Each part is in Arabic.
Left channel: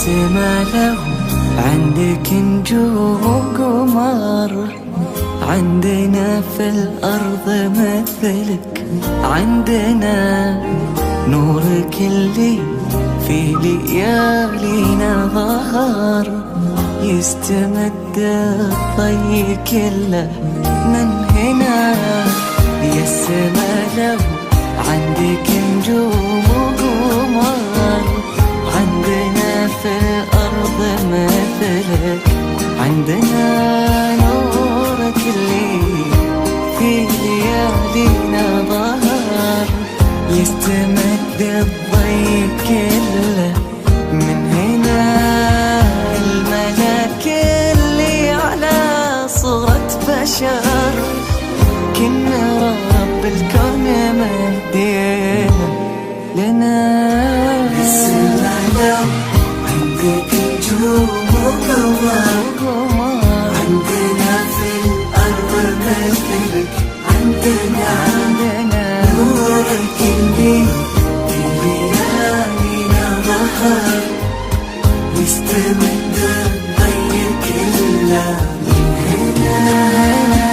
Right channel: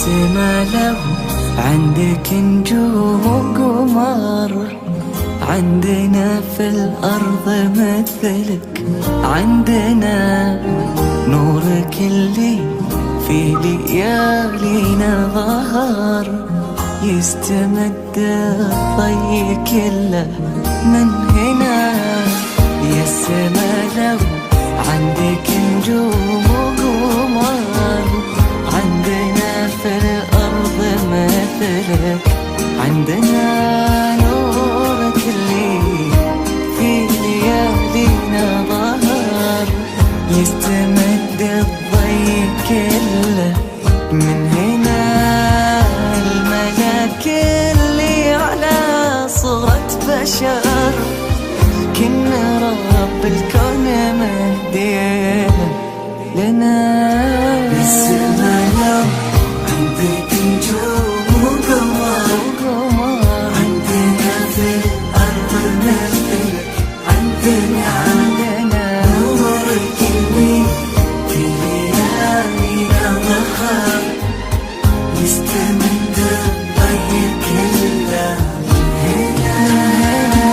السما لو عندك نجوم وقمر، عندنا في الأرض مثلك، عندنا نورك اللي في ليالينا ظهر، يستمد الضي كله من هنا. يا السما لو عندك نجوم وقمر، عندنا في الأرض مثلك، عندنا نورك اللي في ليالينا ظهر، يستمد الضي كله من هنا. الملاك اللي على صورة بشر، كنا رب الكون مهديه لنا. عندك نجوم وقمر، عندنا في الأرض مثلك، عندنا نورك اللي في ليالينا ظهر، يستمد الضي كله من هنا.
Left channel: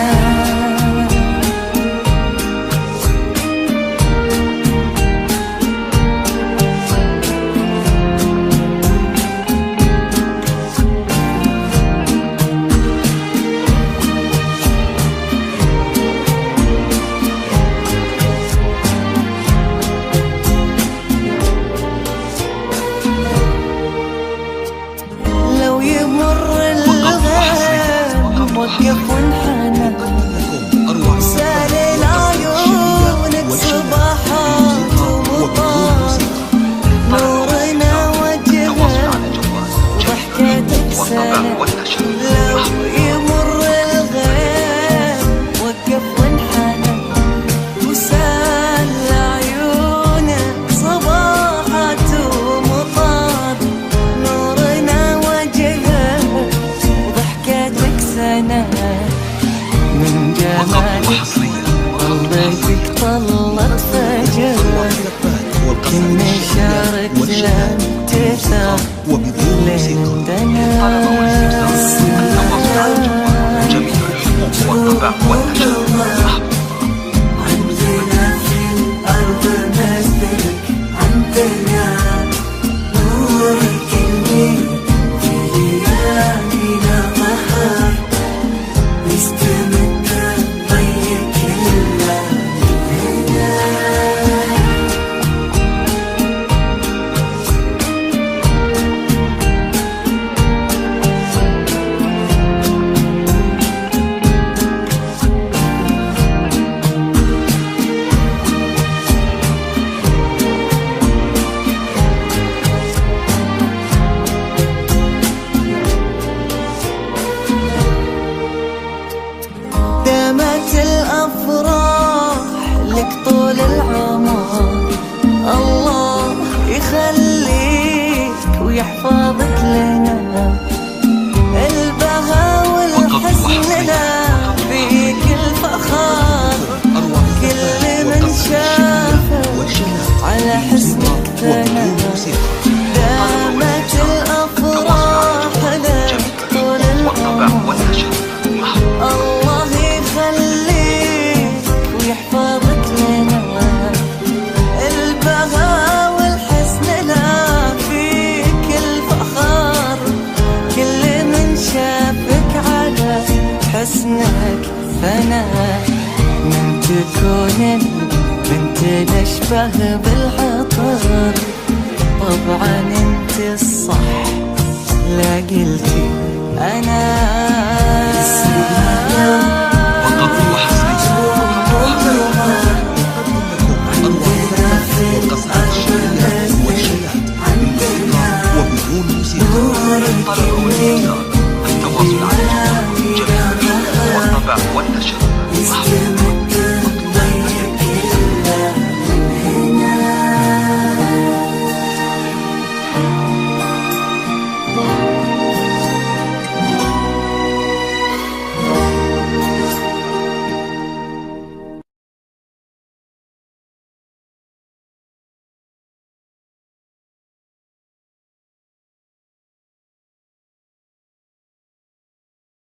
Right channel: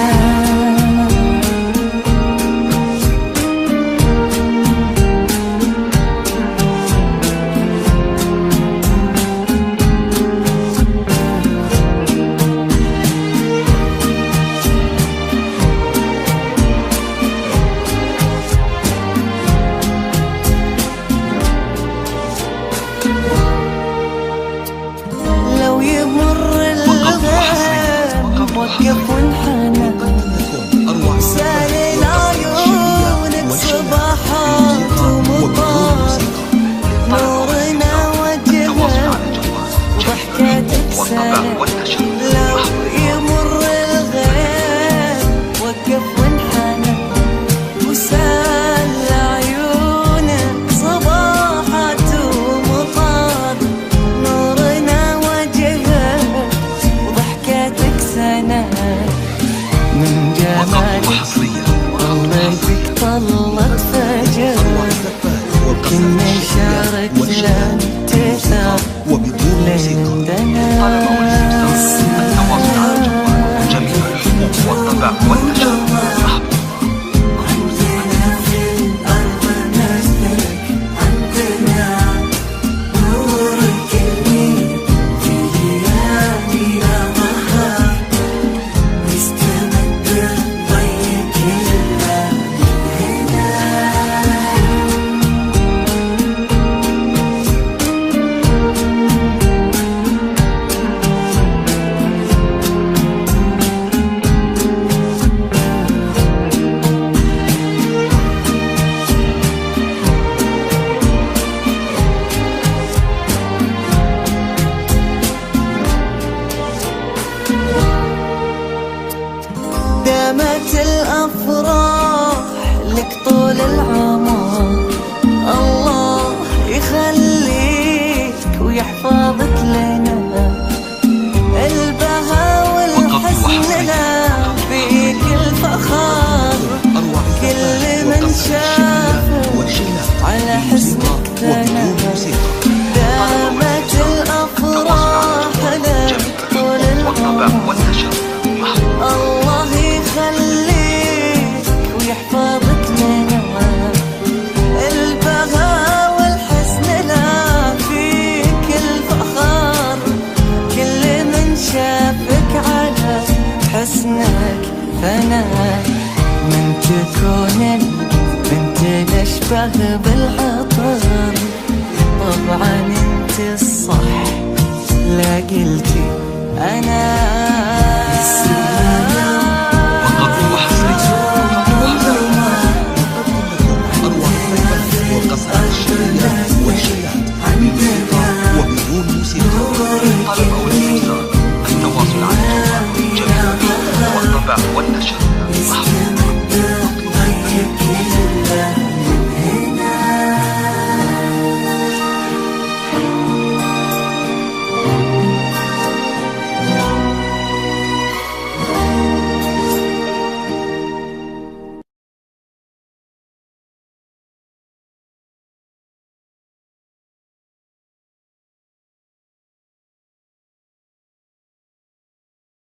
لو يمر الغيم وقف وانحنى، سال عيونك صباحات ومطار، نورنا وجهك وضحكتك سنة. لو يمر الغيم وقف وانحنى، وسال عيونك صباحات ومطار، نورنا وجهك وضحكتك سنة. من جمالك طلتك طلت فجر، كنا شاركنا انتثار لندنا. التواصل على الجوال جميع الحقوق والطبع والنشر محظوظة. دامت الأفراح لك طول العمر، الله يخليك ويحفظك لنا. البهاء والحسن لا فيك الفخار، كل من شافك على حسنك ثنى. دامت الأفراح لك طول العمر، الله يخليك ويحفظك لنا. البهاء والحسن لا فيك الفخار، كل من شافك على حسنك فنا. من تكون البنت الأشبه بالعطر، طبعا انت الصح لا قلتي أنا. والقصائد الشعرية والشيلات بالموسيقى وبدون موسيقى. طلب أو الاستفسار التواصل على الجوال جميع الحقوق والطبع والنشر محظوظة.